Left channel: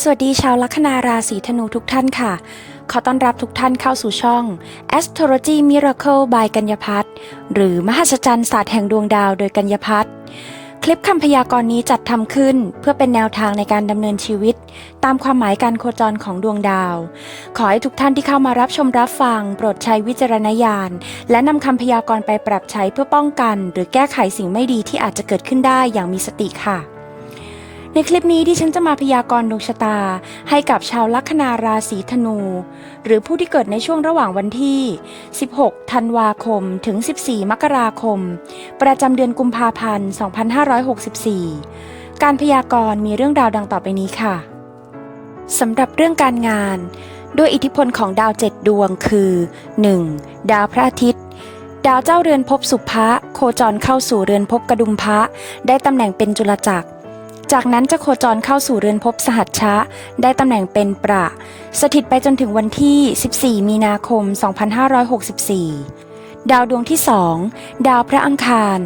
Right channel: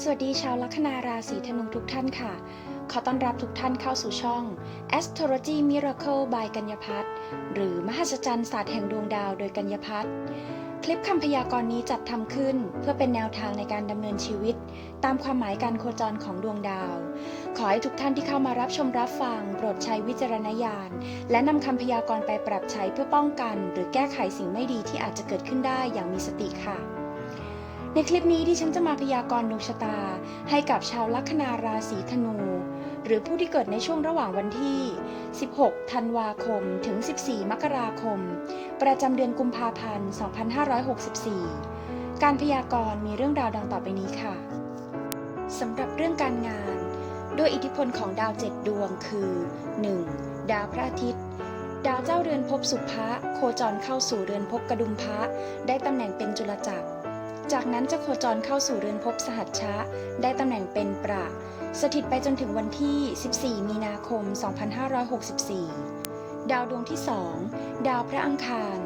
สวัสดีชาวลัคนาราศีธนูทุกท่านค่ะ ขอต้อนรับทุกท่านเข้าสู่ช่อง Astrology Miracle by กัญญพัฒน์หรือมหัศจรรย์ศาสตร์แห่งดวงดาวโดยกัญญพัฒน์คลิปคำพยากรณ์นี้จัดทำขึ้น เพื่อเป็นแนวทางในการดำเนินชีวิต ตามความหมายการโคจรของดวงดาว ขอให้ทุกท่านที่เข้ามารับชมรับฟัง โปรดใช้วิจารณญาณ และนำคำพยากรณ์ไปปรับใช้เพื่อป้องกัน หรือแก้ไขสิ่งไม่ดีที่อาจจะเกิดขึ้นได้อย่างมีสติค่ะ ในคลิปนี้ที่ฉันจะมาพยากรณ์ดวงชะตา ให้กับชาวลัคนาราศีธนู หรือผู้ที่เกิดในช่วงระหว่างวันที่ 16 ธันวาคม ถึง 14 มกราคม ประจำเดือนกุมภาพันธ์ 2564 การพยากรณ์มีเรื่องราวดังต่อไปนี้ค่ะสำหรับเรื่องการงาน ด้วยอิทธิพลของดาวเจ็ดดวงคือ 1. ดาวพระอาทิตย์ดาวเจ้าเรือนภพสุภะโคจรเข้าสู่เรือนภพกระดุมพระ ได้ตำแหน่งเป็นจุลจักร จากนั้นจะโคจรเข้าสู่เรือนภพสหัชชะ ได้ตำแหน่งเป็นประ สถิตไปจนถึงวันที่ 14 มีนาคม 2564 ดาวดวงที่2ดาวพระอังคาร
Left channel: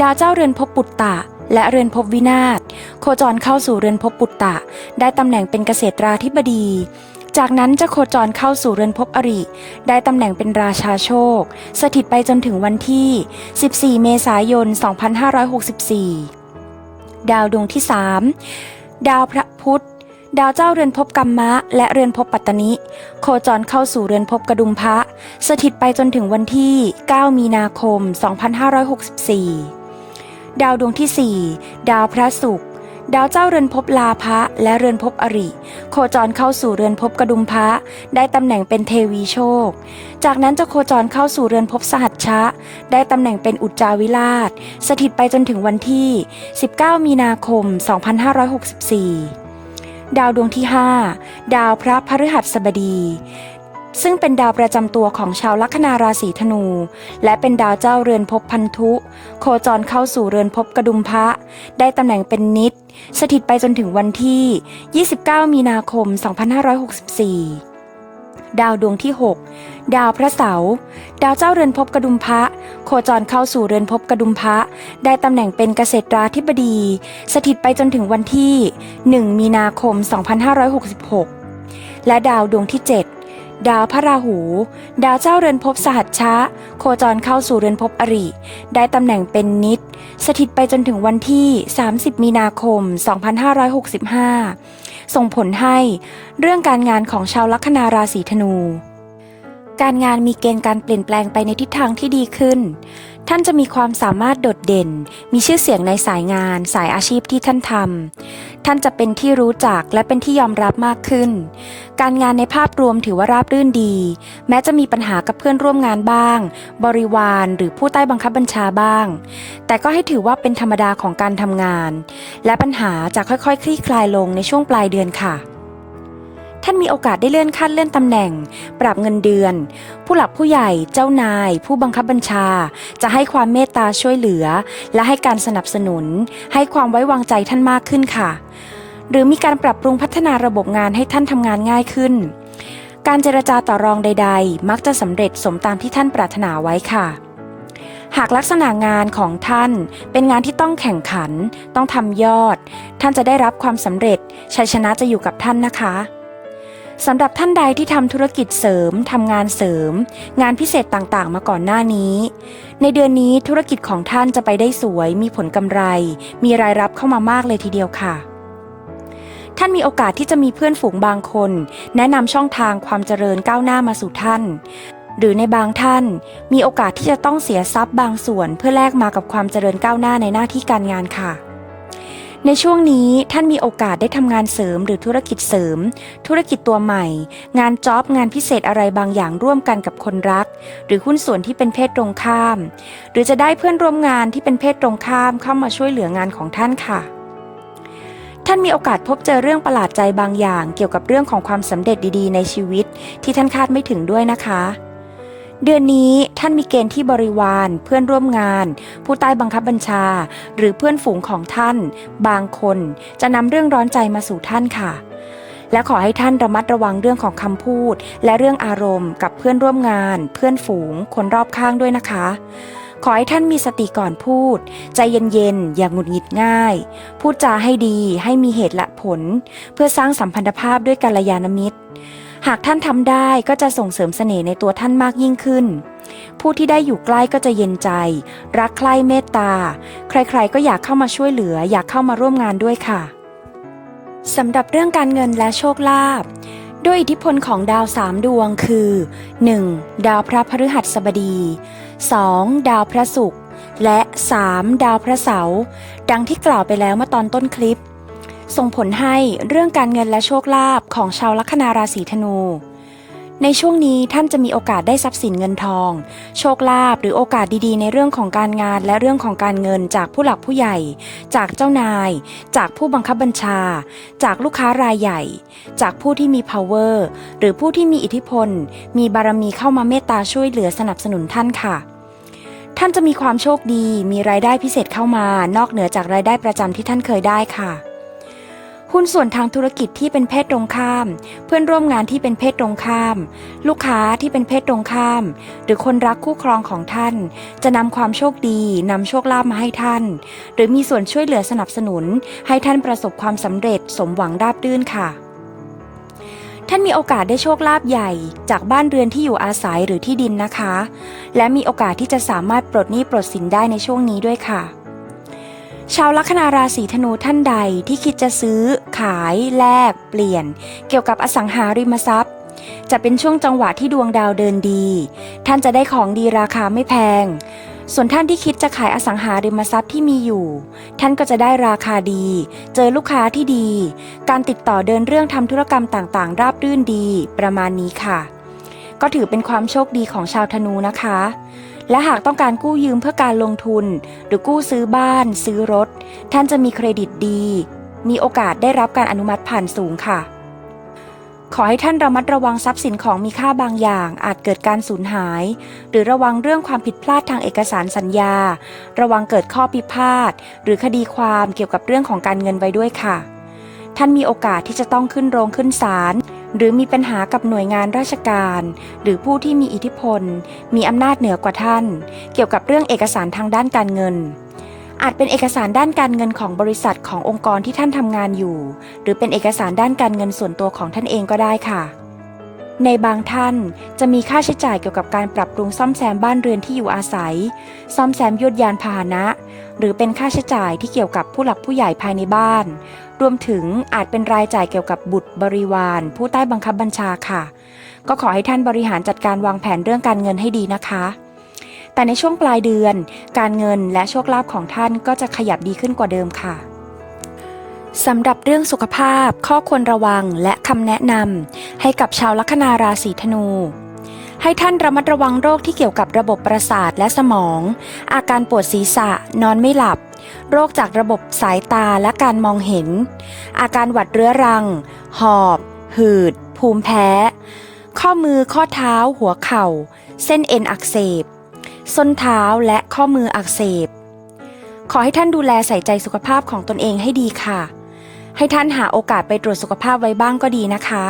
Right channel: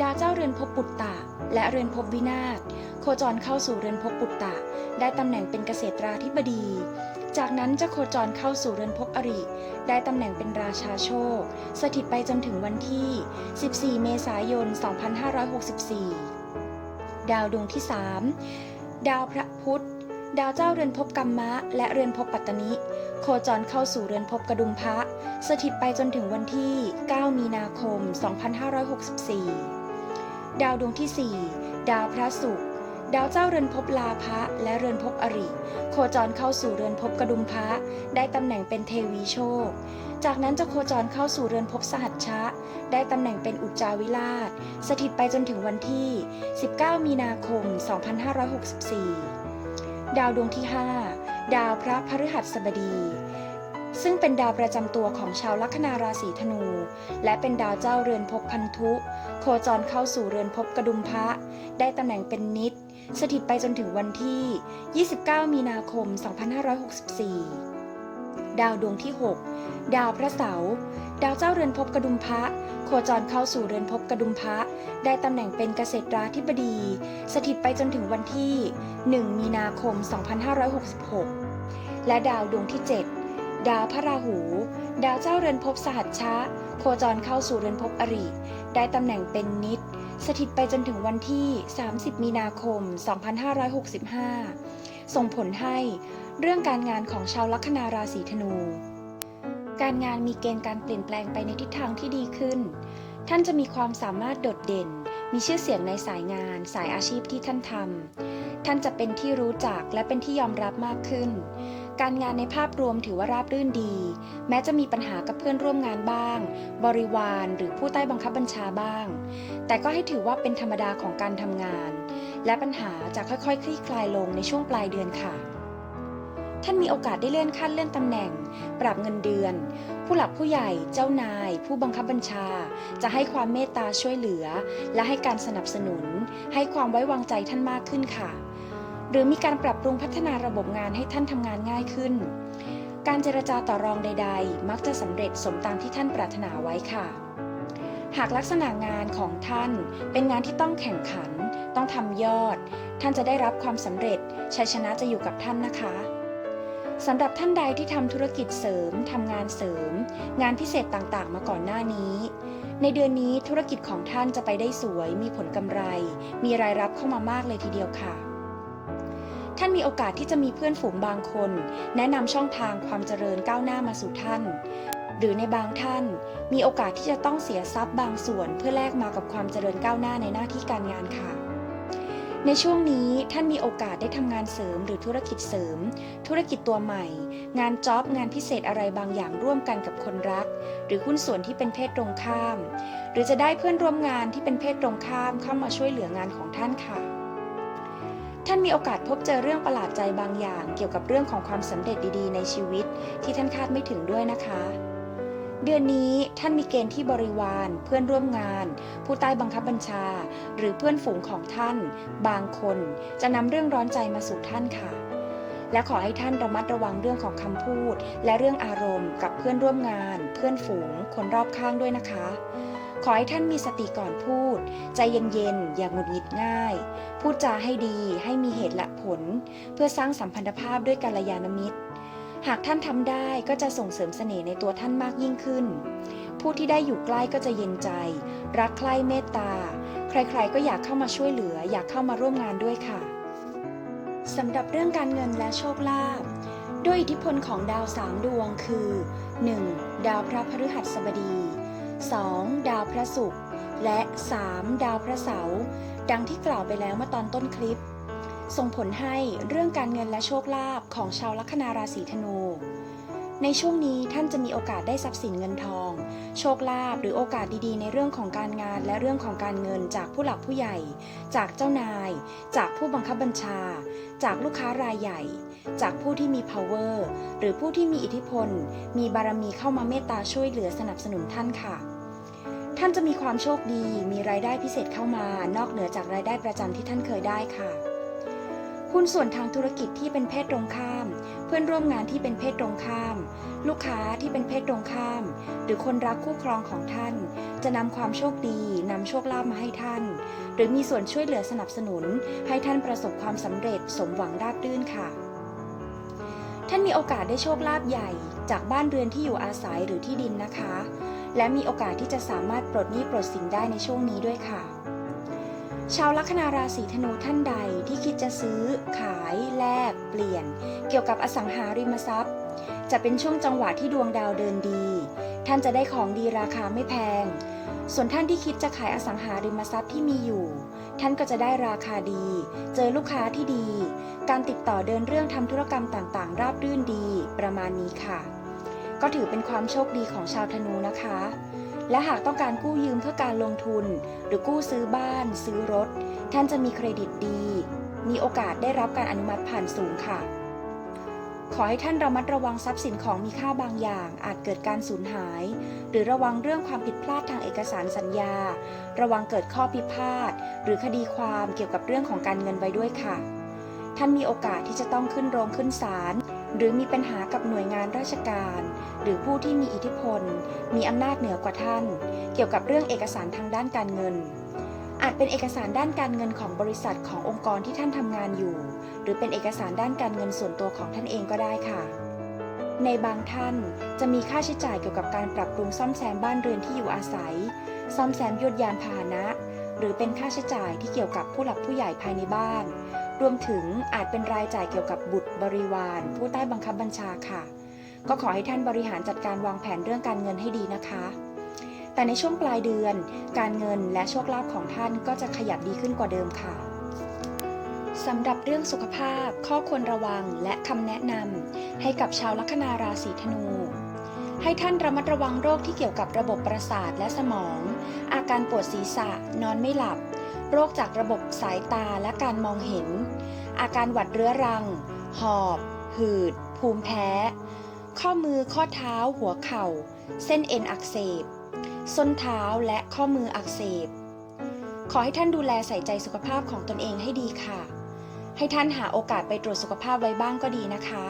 ดาวเจ้าเรือนภพปุตตะ และเรือนภพวินาศโคจรเข้าสู่เรือนภพปุตตะ ได้ตำแหน่งเป็นเกษตราธิบดีจากนั้นจะโคจรเข้าสู่เรือนภพอริ ได้ตำแหน่งเป็นราชาโชค สถิตไปจนถึงวันที่ 14 เมษายน 2564 ดาวดวงที่ 3 ดาวพระพุธ ดาวเจ้าเรือนภพกัมมะ และเรือนภพปัตตนิ โคจรเข้าสู่เรือนภพกระดุมพระ สถิตไปจนถึงวันที่ 9 มีนาคม 2564 ดาวดวงที่ 4 ดาวพระศุกร์ ดาวเจ้าเรือนภพลาภะและเรือนภพอริ โคจรเข้าสู่เรือนภพกระดุมพระได้ตำแหน่งเป็นเทวีโชค จากนั้นจะโคจรเข้าสู่เรือนภพสหัชชะ ได้ตำแหน่งเป็นอุจจาวิราช สถิตไปจนถึงวันที่ 19 มีนาคม 2564 ดาวดวงที่ 5 ดาวพระพฤหัสบดี ซึ่งเป็นดาวประจำตัวของชาวลัคนาราศีธนู และเป็นดาวเจ้าเรือนภพพันธุ โคจรเข้าสู่เรือนภพกระดุมพระ ได้ตำแหน่งเป็นนิด สถิตไปจนถึงวันที่ 29 มีนาคม 2564 ดาวดวงที่ 6 ดาวพระเสาร์ดาวเจ้าเรือนภพกระดุมพระ โคจรเข้าสู่เรือนภพกระดุมพระ ได้ตำแหน่งเป็นเกษตราธิบดี สถิตไปจนถึงวันที่ 1 มีนาคม 2566 และดาวดวงที่ 7 ดาวพระราหู ดาวเจ้าเรือนภพสหัชชะ โคจรเข้าสู่เรือนภพอริ ได้ตำแหน่งเป็นนิด สถิตไปจนถึงวันที่ 30 มีนาคม 2565 ส่งผลให้เรื่องการงานของชาวลัคนาราศีธนู การงานมีเกณฑ์การเปลี่ยนแปลงไปในทิศทางที่ดีขึ้น ท่านจะมีความสามารถโดดเด่น มีชื่อเสียงในสายงาน สายอาชีพที่ท่านทำ ท่านจะเป็นที่รู้จักและเป็นที่ยอมรับมากขึ้น การงานในภาพรวมถือว่าราบรื่นดี แม้จะมีปัญหากับเพื่อนร่วมงานบ้าง บริวารหรือผู้ใต้บังคับบัญชาบ้าง แต่ก็ให้ถือว่าเป็นธรรมดาของการทำงาน และปัญหาจะค่อยๆ คลี่คลายลงในช่วงปลายเดือนค่ะ ท่านมีโอกาสได้เลื่อนขั้นเลื่อนตำแหน่ง ปรับเงินเดือน ผู้หลักผู้ใหญ่เจ้านาย ผู้บังคับบัญชา จะให้ความเมตตาช่วยเหลือ และให้การสนับสนุน ให้ความไว้วางใจท่านมากขึ้นค่ะ หรือมีการปรับปรุงพัฒนาระบบงานให้ท่านทำงานง่ายขึ้น การเจรจาต่อรองใด ๆ มักจะสำเร็จสมตามที่ท่านปรารถนาไว้ค่ะหากลักษณะงานของท่านเป็นงานที่ต้องแข่งขัน ต้องทำยอด ท่านจะได้รับความสำเร็จ ชัยชนะจะอยู่กับท่านนะคะ สำหรับท่านใดที่ทำธุรกิจเสริมทำงานเสริม งานพิเศษต่างๆ มาก่อนหน้านี้ ในเดือนนี้ธุรกิจของท่านจะไปได้สวย มีผลกำไร มีรายรับเข้ามามากเลยทีเดียวค่ะ ท่านมีโอกาสที่จะมีเพื่อนฝูงบางคน แนะนำช่องทางความเจริญก้าวหน้ามาสู่ท่าน หรือในบางท่าน มีโอกาสที่จะต้องเสียทรัพย์บางส่วน เพื่อแลกมากับความเจริญก้าวหน้าในหน้าที่การงานค่ะ ในช่วงนี้ท่านมีโอกาสได้ทำงานเสริมหรือธุรกิจเสริม ธุรกิจตัวใหม่ งานจ็อบงานพิเศษอะไรบางอย่างร่วมกันกับคนรัก หรือหุ้นส่วนที่เป็นเพศตรงข้าม หรือจะได้เพื่อนร่วมงานที่เป็นเพศตรงข้ามเข้ามาช่วยเหลืองานของท่านค่ะ ท่านมีโอกาสพบเจอเรื่องประหลาดใจบางอย่าง เกี่ยวกับเรื่องของความสำเร็จดีๆ ในชีวิต ที่ท่านคาดไม่ถึงด้วยนะคะ เดือนนี้ท่านมีเกณฑ์ที่บริวาร เพื่อนร่วมงาน ผู้ใต้บังคับบัญชา หรือเพื่อนฝูงของท่าน บางคนจะนำเรื่องร้อนใจมาสู่ท่านค่ะ และขอให้ท่านระมัดระวังเรื่องของคำพูด และเรื่องอารมณ์กับเพื่อนร่วมงาน เพื่อนฝูง คนรอบข้างด้วยนะคะ ขอให้ท่านมีสติก่อนพูด ใจเย็นๆอย่างหงุดหงิดง่าย พูดจาให้ดีให้มีเหตุและผล เพื่อสร้างสัมพันธภาพด้วยกัลยาณมิตร หากท่านทำได้ก็จะส่งเสริมเสน่ห์ในตัวท่านมากยิ่งขึ้น ผู้ที่ได้อยู่ใกล้ก็จะเย็นใจ รักใคร่เมตตา ใครๆก็อยากเข้ามาช่วยเหลือ อยากเข้ามาร่วมงานด้วยค่ะสำหรับเรื่องการเงินและโชคลาภด้วยอิทธิพลของดาวสามดวงคือ 1. ดาวพระพฤหัสบดี 2. ดาวพระศุกร์และ 3. ดาวพระเสาร์ดังที่กล่าวไปแล้วเมื่อตอนต้นคลิป ส่งผลให้เรื่องการเงินและโชคลาภของชาวลัคนาราศีธนู ในช่วงนี้ท่านจะมีโอกาสได้ทรัพย์สินเงินทอง โชคลาภหรือโอกาสดีๆ ในเรื่องของการงานและเรื่องของการเงินจากผู้หลักผู้ใหญ่ จากเจ้านาย จากผู้บังคับบัญชา จากลูกค้ารายใหญ่ จากผู้ที่มี power หรือผู้ที่มีอิทธิพล มีบารมีเข้ามาเมตตาช่วยเหลือสนับสนุนท่านค่ะท่านจะมีความโชคดี มีรายได้พิเศษเข้ามานอกเหนือจากรายได้ประจำที่ท่านเคยได้ค่ะ หุ้นส่วนทางธุรกิจที่เป็นเพศตรงข้าม เพื่อนร่วมงานที่เป็นเพศตรงข้าม ลูกค้าที่เป็นเพศตรงข้าม หรือคนรักคู่ครองของท่าน จะนำความโชคดีนำโชคลาภมาให้ท่าน หรือมีส่วนช่วยเหลือสนับสนุน ให้ท่านประสบความสำเร็จสมหวังราบรื่นค่ะท่านมีโอกาสได้โชคลาภใหญ่จากบ้านเรือนที่อยู่อาศัยหรือที่ดินนะคะ และมีโอกาสที่จะสามารถปลดหนี้ปลดสินได้ในช่วงนี้ด้วยค่ะ ชาวลัคนาราศีธนูท่านใดที่คิดจะซื้อ ขาย แลก เปลี่ยน เกี่ยวกับอสังหาริมทรัพย์ จะเป็นช่วงจังหวะที่ดวงดาวเดินดี ท่านจะได้ของดีราคาไม่แพง ส่วนท่านที่คิดจะขายอสังหาริมทรัพย์ที่มีอยู่ ท่านก็จะได้ราคาดี เจอลูกค้าที่ดี การติดต่อเดินเรื่องทำธุรกรรมต่างๆ ราบรื่นดี ประมาณนี้ค่ะ ก็ถือเป็นความโชคดีของชาวธนูนะคะ และหากต้องการกู้ยืมเพื่อการลงทุน หรือกู้ซื้อบ้าน ซื้อรถ ท่านจะมีเครดิตดี มีโอกาสได้รับการอนุมัติผ่านสูงค่ะ ขอให้ท่านระมัดระวังทรัพย์สินของมีค่าบางอย่าง อาจเกิดการสูญหาย หรือระวังเรื่องความผิดพลาดทางเอกสารสัญญา ระวังเกิดข้อพิพาทหรือคดีความเกี่ยวกับเรื่องของการเงินไว้ด้วยค่ะ ท่านมีโอกาสที่จะต้องขึ้นโรงขึ้นศาล หรือมีปัญหากับหน่วยงานราชการ หรือผู้ที่มีอิทธิพล มีอำนาจเหนือกว่าท่าน เกี่ยวกับเรื่องเอกสารทางด้านการเงิน อาจเป็นเอกสารด้านการเงินของบริษัทขององค์กรที่ท่านทำงานอยู่ หรือเป็นเอกสารด้านการเงินส่วนตัวของท่านเองก็ได้ค่ะ ในบางท่านจะมีค่าใช้จ่ายเกี่ยวกับการปรับปรุงซ่อมแซมบ้านเรือนที่อยู่อาศัย ซ่อมแซมยวดยานพาหนะหรือเป็นค่าใช้จ่ายที่เกี่ยวกับผู้หลักผู้ใหญ่ภายในบ้าน รวมถึงอาจเป็นรายจ่ายเกี่ยวกับบุตรบริวาร ผู้ใต้บังคับบัญชาค่ะ ก็ขอให้ท่านบริหารจัดการวางแผนเรื่องการเงินให้ดีนะคะ แต่ในช่วงปลายเดือน การเงินและโชคลาภของท่านก็จะขยับดีขึ้นกว่าเดิมค่ะสำหรับเรื่องสุขภาพ ข้อควรระวังและคำแนะนำให้กับชาวลัคนาราศีธนู ให้ท่านระมัดระวังโรคที่เกี่ยวกับระบบประสาทและสมอง อาการปวดศีรษะ นอนไม่หลับ โรคจากระบบสายตาและการมองเห็น อาการหวัดเรื้อรัง หอบ หืด ภูมิแพ้ ข้อมือข้อเท้า หัวเข่า เส้นเอ็นอักเสบ ส้นเท้าและข้อมืออักเสบ ขอให้ท่านดูแลใส่ใจสุขภาพของตนเองให้ดีค่ะ ให้ท่านหาโอกาสไปตรวจสุขภาพไว้บ้างก็ดีนะคะ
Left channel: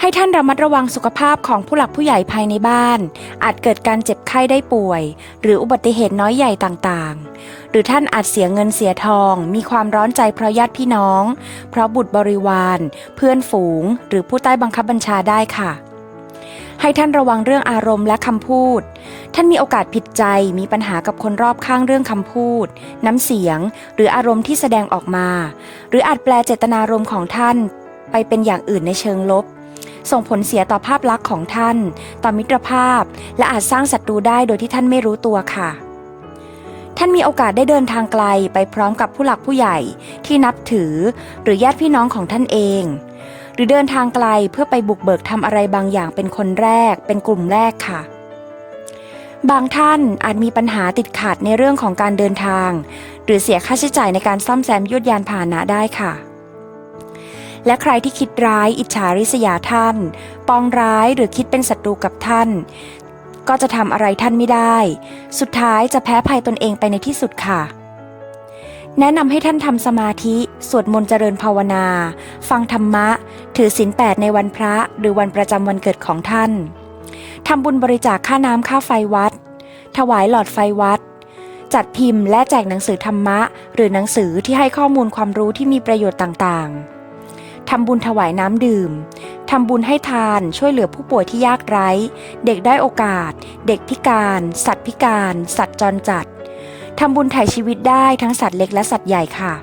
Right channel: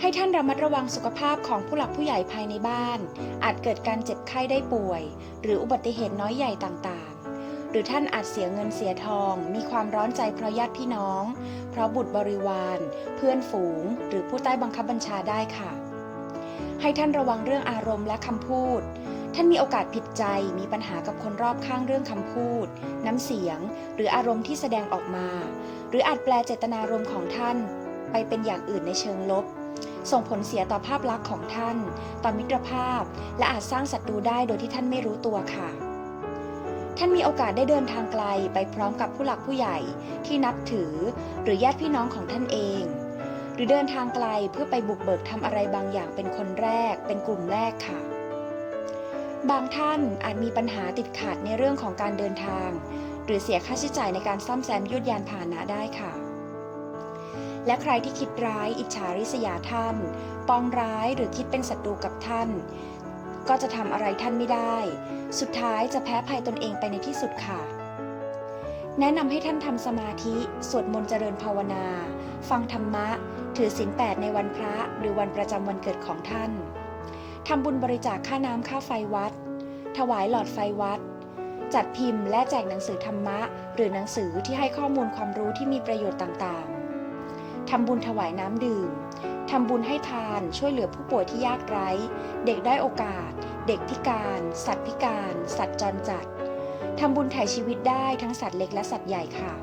ให้ท่านระมัดระวังสุขภาพของผู้หลักผู้ใหญ่ภายในบ้าน อาจเกิดการเจ็บไข้ได้ป่วย หรืออุบัติเหตุน้อยใหญ่ต่างๆ หรือท่านอาจเสียเงินเสียทอง มีความร้อนใจเพราะญาติพี่น้อง เพราะบุตรบริวาร เพื่อนฝูง หรือผู้ใต้บังคับบัญชาได้ค่ะ ให้ท่านระวังเรื่องอารมณ์และคำพูด ท่านมีโอกาสผิดใจมีปัญหากับคนรอบข้างเรื่องคำพูด น้ำเสียง หรืออารมณ์ที่แสดงออกมา หรืออาจแปลเจตนารมณ์ของท่าน ไปเป็นอย่างอื่นในเชิงลบส่งผลเสียต่อภาพลักษณ์ของท่าน ต่อมิตรภาพ และอาจสร้างศัตรูได้โดยที่ท่านไม่รู้ตัวค่ะ ท่านมีโอกาสได้เดินทางไกลไปพร้อมกับผู้หลักผู้ใหญ่ที่นับถือ หรือญาติพี่น้องของท่านเอง หรือเดินทางไกลเพื่อไปบุกเบิกทำอะไรบางอย่างเป็นคนแรก เป็นกลุ่มแรกค่ะ บางท่านอาจมีปัญหาติดขัดในเรื่องของการเดินทาง หรือเสียค่าใช้จ่ายในการซ่อมแซมยวดยานพาหนะได้ค่ะและใครที่คิดร้ายอิจฉาริษยาท่าน ปองร้ายหรือคิดเป็นศัตรูกับท่าน ก็จะทำอะไรท่านไม่ได้ สุดท้ายจะแพ้ภัยตนเองไปในที่สุดค่ะ แนะนำให้ท่านทำสมาธิ สวดมนต์เจริญภาวนา ฟังธรรมะ ถือศีลแปดในวันพระหรือวันประจำวันเกิดของท่านทำบุญบริจาคค่าน้ำค่าไฟวัด ถวายหลอดไฟวัด จัดพิมพ์และแจกหนังสือธรรมะ หรือหนังสือที่ให้ข้อมูลความรู้ที่มีประโยชน์ต่างๆทำบุญถวายน้ำดื่ม ทำบุญให้ทานช่วยเหลือผู้ป่วยที่ยากไร้ เด็กได้โอกาส เด็กพิการ สัตว์พิการ สัตว์จรจัดทำบุญถ่ายชีวิตได้ทั้งสัตว์เล็กและสัตว์ใหญ่ค่ะ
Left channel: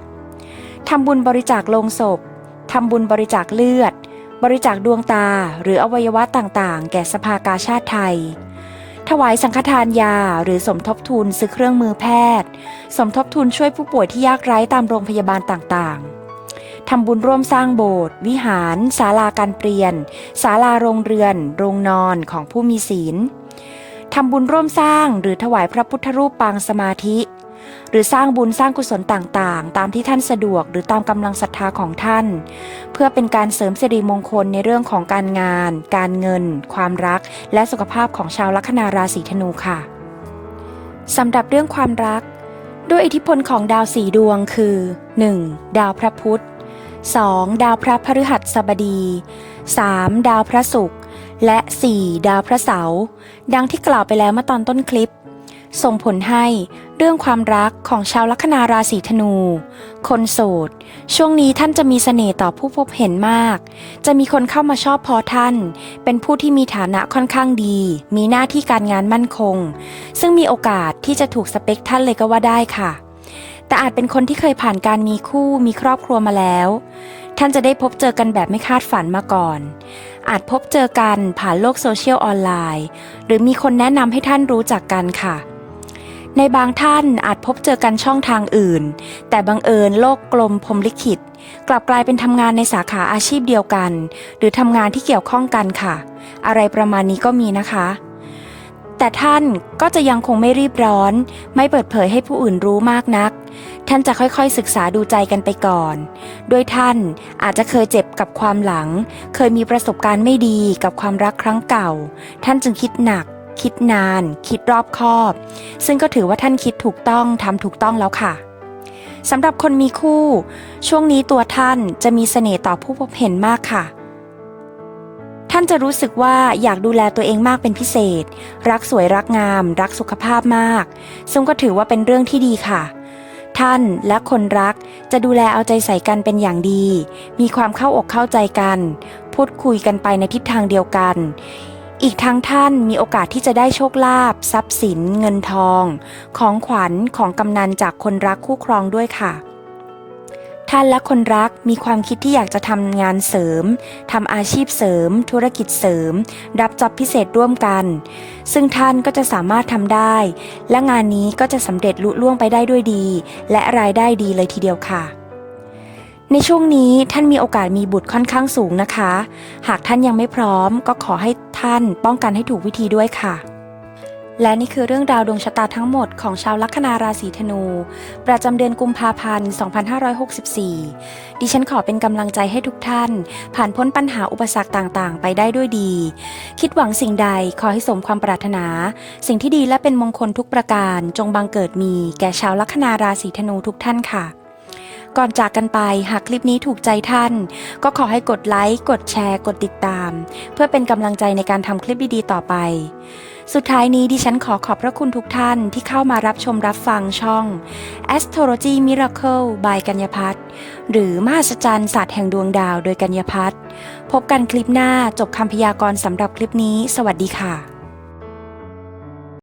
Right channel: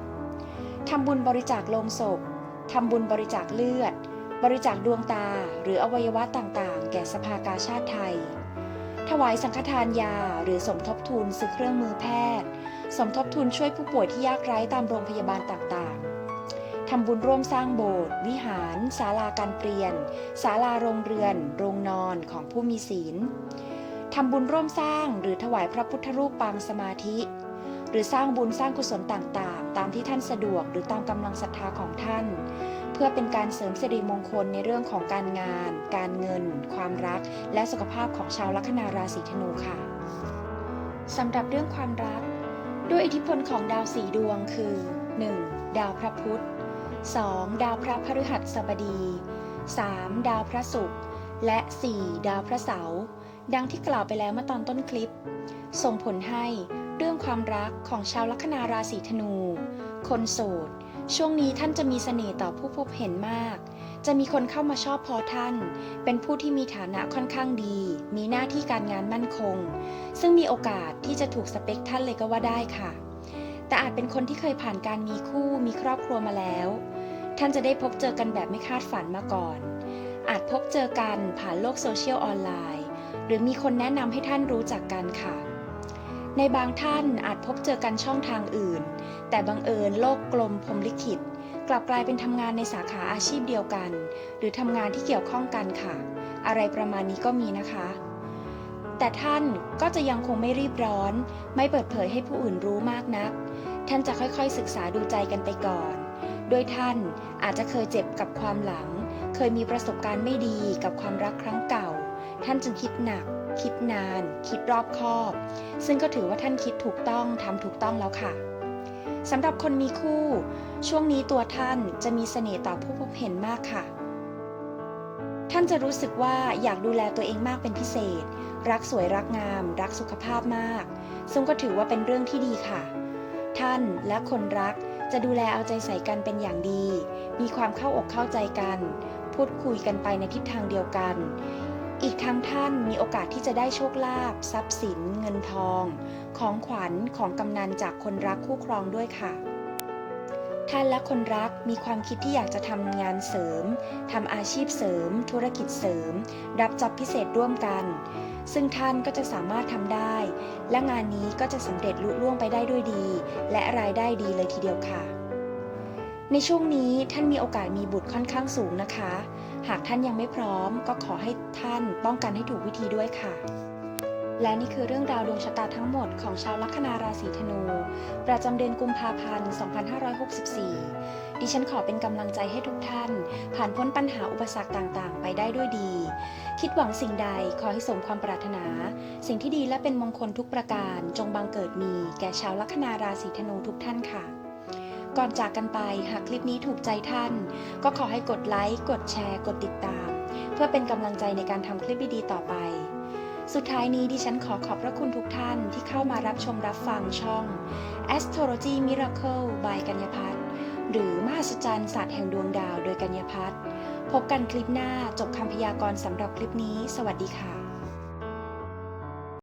ทำบุญบริจาคโลงศพทำบุญบริจาคเลือด บริจาคดวงตาหรืออวัยวะต่างๆ แก่สภากาชาติไทย ถวายสังฆทานยาหรือสมทบทุนซื้อเครื่องมือแพทย์ สมทบทุนช่วยผู้ป่วยที่ยากไร้ตามโรงพยาบาลต่างๆ ทำบุญร่วมสร้างโบสถ์วิหารศาลาการเปลี่ยนศาลาโรงเรือน โรงนอนของผู้มีศีลทำบุญร่วมสร้างหรือถวายพระพุทธรูปปางสมาธิ หรือสร้างบุญสร้างกุศลต่างๆ ตามที่ท่านสะดวกหรือตามกำลังศรัทธาของท่าน เพื่อเป็นการเสริมสิริมงคลในเรื่องของการงาน การเงิน ความรัก และสุขภาพของชาวลัคนาราศีธนูค่ะสำหรับเรื่องความรัก ด้วยอิทธิพลของดาวสีดวงคือ 1. ดาวพระพุธ 2. ดาวพระพฤหัสบดี 3. ดาวพระศุกร์และ 4. ดาวพระเสาร์ดังที่กล่าวไปแล้วเมื่อตอนต้นคลิป ส่งผลให้เรื่องความรักของชาวลัคนาราศีธนู คนโสด ช่วงนี้ท่านจะมีเสน่ห์ต่อผู้พบเห็นมาก จะมีคนเข้ามาชอบพอท่าน เป็นผู้ที่มีฐานะค่อนข้างดี มีหน้าที่การงานมั่นคง ซึ่งมีโอกาสที่จะถูกสเปคท่านเลยก็ว่าได้ค่ะ แต่อาจเป็นคนที่เคยผ่านการมีคู่มีครอบครัวมาแล้ว ท่านจะได้พบเจอกันแบบไม่คาดฝันมาก่อน อาจพบเจอกันผ่านโลกโซเชียลออนไลน์ หรือมีคนแนะนำให้ท่านรู้จักกันค่ะ ในบางท่านอาจพบเจอกันช่องทางอื่น แต่บังเอิญโลกกลมพรมลิขิต กลับกลายเป็นทำงานในสาขาอาชีพเดียวกัน หรือทำงานที่เกี่ยวข้องกันค่ะ อะไรประมาณนี้ก็มีนะคะ แต่ท่านก็จะยังคงไม่รีบร้อน ไม่เปิดเผยให้ผู้อื่นรู้มากนัก ท่านจะค่อยๆศึกษาดูใจกันไปก่อน โดยท่านอาจจะเคยเจ็บกับความหลัง เคยมีประสบการณ์ไม่ดีกับความรักครั้งเก่า ท่านจึงคิดหนัก คิดนาน คิดรอบคอบ ซึ่งก็ถือว่าท่านคิดถูกต้องทำถูกต้องแล้วค่ะสำหรับคนมีคู่ ช่วงนี้ตัวท่านจะมีเสน่ห์ต่อผู้พบเห็นมากค่ะ นจะรู้สึกว่าอยากดูแลตัวเองมากเป็นพิเศษ รักสวยรักงาม รักสุขภาพมาก ซึ่งก็ถือว่าเป็นเรื่องที่ดีค่ะ ท่านและคนรักจะดูแลเอาใจใส่กันเป็นอย่างดี มีความเข้าอกเข้าใจกัน พูดคุยกันไปในทิศทางเดียวกัน อีกทั้งท่านมีโอกาสที่จะได้โชคลาภทรัพย์สิน เงินทอง ของขวัญของกำนันจากคนรักคู่ครองด้วยค่ะ ท่านและคนรักมีความคิดที่อยากจะทำงานเสริมทำอาชีพเสริม ธุรกิจเสริม รับจ็อบพิเศษร่วมกัน ซึ่งท่านก็จะสามารถทำได้ และงานนี้ก็จะสำเร็จลุล่วงไปได้ด้วยดี และรายได้ดีเลยทีเดียวค่ะในช่วงนี้ท่านมีโอกาสมีบุตรค่อนข้างสูงนะคะ หากท่านยังไม่พร้อมก็ขอให้ท่านป้องกันให้ถูกวิธีด้วยค่ะ และนี่คือเรื่องราวดวงชะตาทั้งหมดของชาวลัคนาราศีธนู ประจำเดือนกุมภาพันธ์ 2564 ดิฉันขอเป็นกำลังใจให้ทุกท่าน ผ่านพ้นปัญหาอุปสรรคต่างๆ ไปได้ด้วยดี คิดหวังสิ่งใดขอให้สมความปรารถนา สิ่งที่ดีและเป็นมงคลทุกประการจงบังเกิดมี แก่ชาวลัคนาราศีธนูทุกท่านค่ะก่อนจากกันไปหากคลิปนี้ถูกใจท่าน ก็ขอให้กดไลค์ กดแชร์ กดติดตาม เพื่อเป็นกำลังใจในการทำคลิปดีๆต่อไป สุดท้ายนี้ดิฉันขอขอบพระคุณทุกท่านที่เข้ามารับชมรับฟังช่อง Astrology Miracle by กัญญพัฒน์หรือมหัศจรรย์ศาสตร์แห่งดวงดาวโดยกัญญพัฒน์พบกันคลิปหน้าจบคำพยากรณ์สำหรับคลิปนี้ สวัสดีค่ะ